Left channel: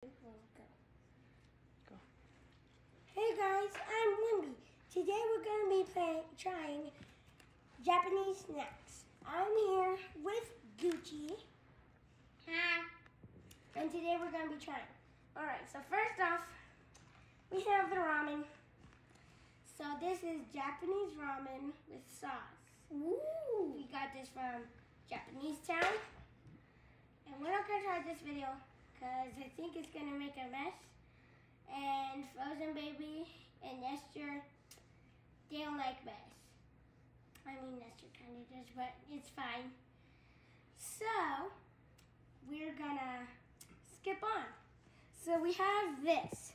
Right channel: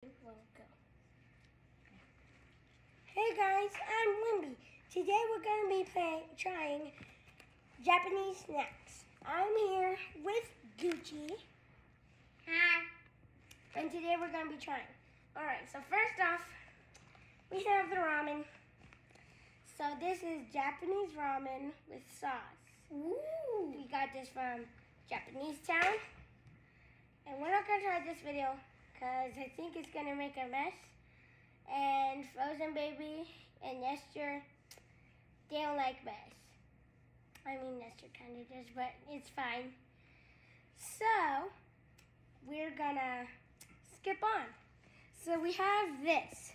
Go. Hey guys, I'm Winbee. Today we're going to be trying Japanese snacks. I'm here with Gucci. Hi. And today we're going to be trying. Alright, so first off, we have the ramen. So this is Japanese ramen with sauce. Ooh. We got this from Japanese Town. And we're not going to try this video because I think it's going to make a mess. And Frozen Baby and Nestor, they don't like mess. I mean, Nestor kind of does, but it's fine. So, we're going to skip on. So we have this.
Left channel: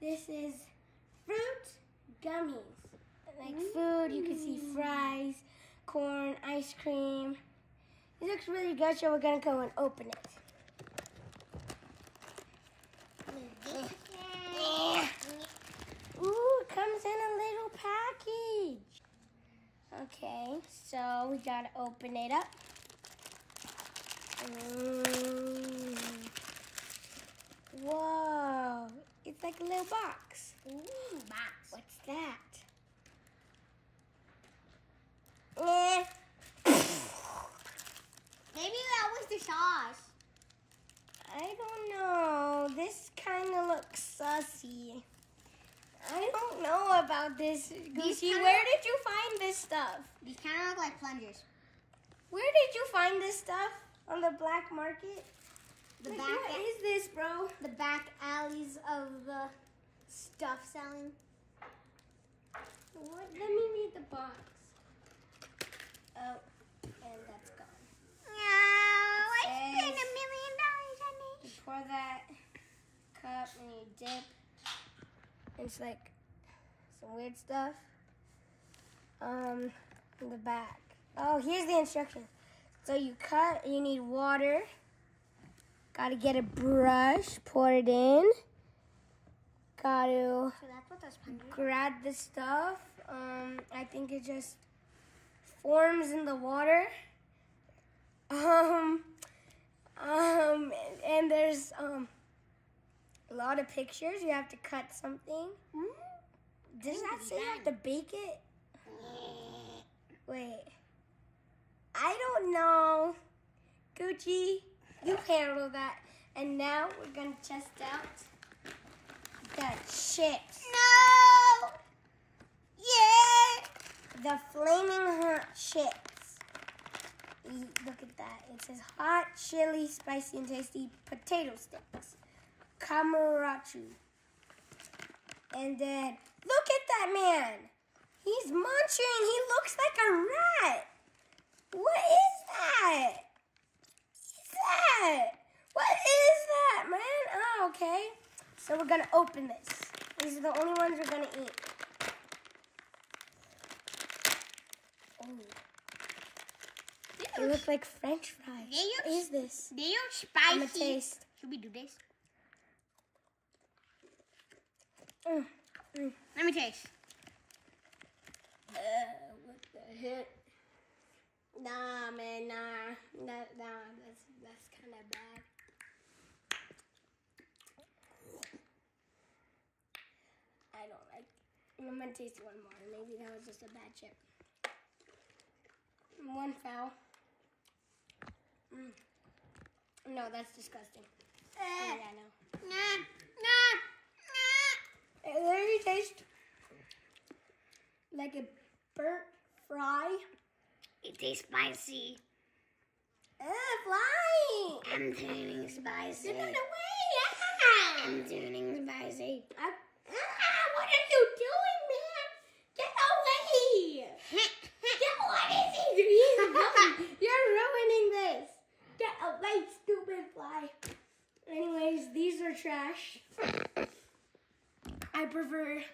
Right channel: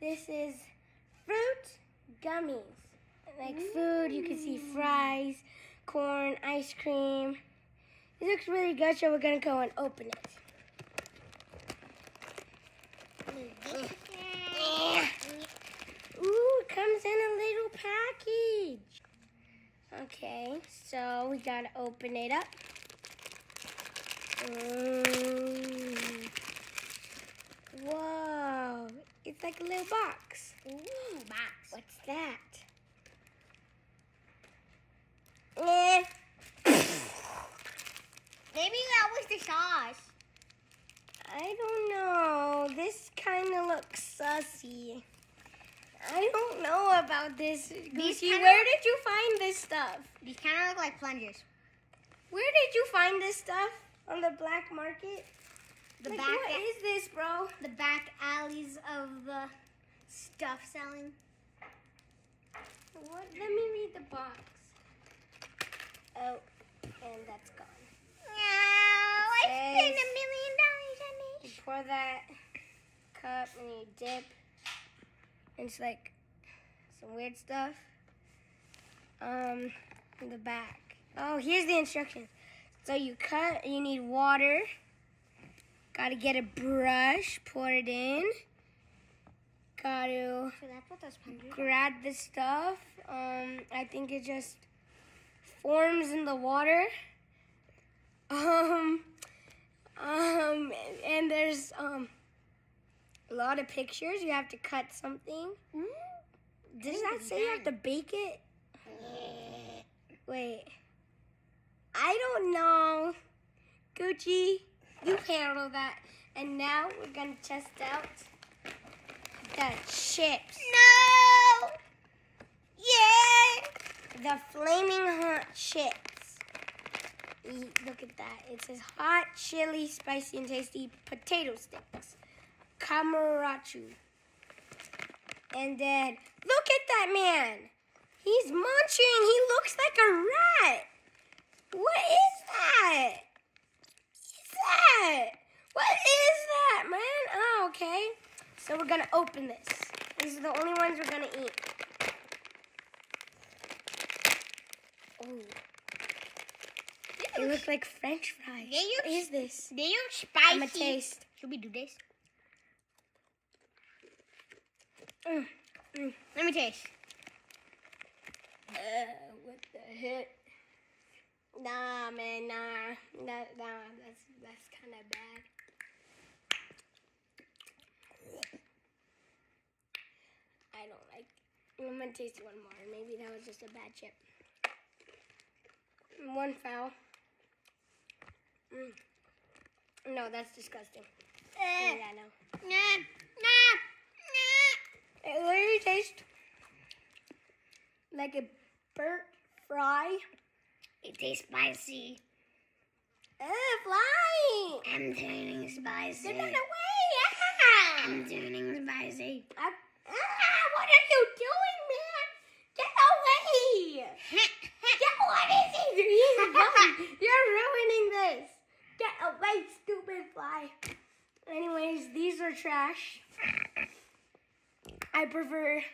This is fruit gummies. Like food, you can see fries, corn, ice cream. It looks really good, so we're going to go and open it. Ooh, it comes in a little package. Okay, so we got to open it up. Whoa, it's like a little box. Ooh, box. What's that? Maybe that was the sauce. I don't know. This kind of looks sussy. I don't know about this. Gucci, where did you find this stuff? These kind of look like plungers. Where did you find this stuff? On the black market? What is this, bro? The back alleys of the stuff selling. What? Let me read the box. Oh, and that's gone. No, I spent $1 million on You this. pour that cup and you dip. It's like some weird stuff. In the back. Oh, here's the instructions. So you cut, you need water. Gotta get a brush, pour it in. Gotta So that's what those plungers are. grab the stuff. I think it just forms in the water. And there's a lot of pictures. You have to cut something. Does that say you have to bake it? Wait. I don't know. Gucci, you handle that. And now we're going to test out the chips. No! Yeah! The flaming hot chips. Look at that. It says hot, chili, spicy, and tasty potato sticks. Kamarachu. And then, look at that man. He's munching. He looks like a rat. What is that? What is that, man? Oh, okay. So we're going to open this. These are the only ones we're going to eat. Oh. They look like French fries. What is this? They look spicy. I'm going to taste. Should we do this? Mm. Let me taste. What the heck? Nah, man, nah. That's kind of bad. I don't like. I'm gonna taste one more. Maybe that was just a bad chip. One foul. No, that's disgusting. Yeah, no. Nah. It literally tastes like a burnt fry. It tastes spicy. Fly! I'm turning spicy. Get that away! I'm turning spicy. What are you doing, man? Get away! What is he doing? You're ruining this. Get away, stupid fly. Anyways, these are trash. I prefer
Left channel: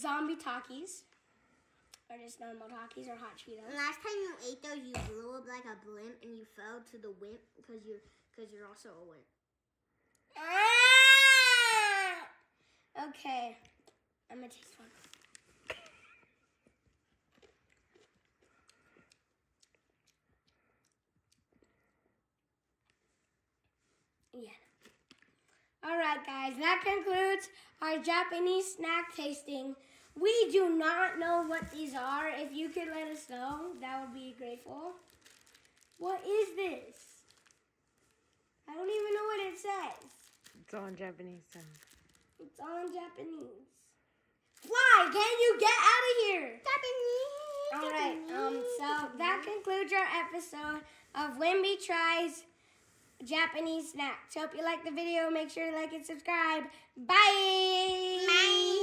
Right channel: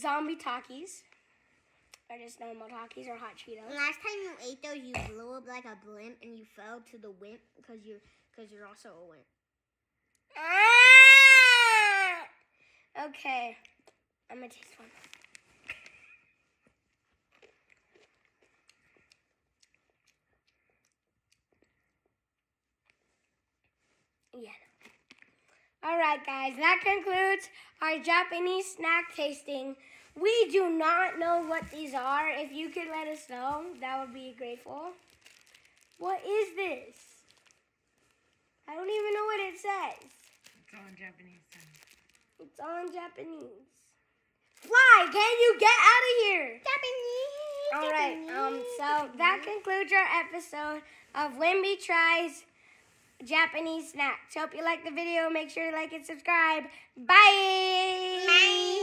zombie Takis. Or just normal Takis or hot Cheetos. Last time you ate those, you blew up like a blimp and you fell to the wimp because you're also a wimp. Okay, I'm gonna taste one. Yeah. All Alright guys, that concludes our Japanese snack tasting. We do not know what these are. If you could let us know, that would be grateful. What is this? I don't even know what it says. It's all in Japanese. It's all in Japanese. Fly, can you get out of here? Japanese. Alright, so that concludes our episode of Winbee Tries Japanese Snacks. Hope you liked the video. Make sure to like and subscribe. Bye! Bye.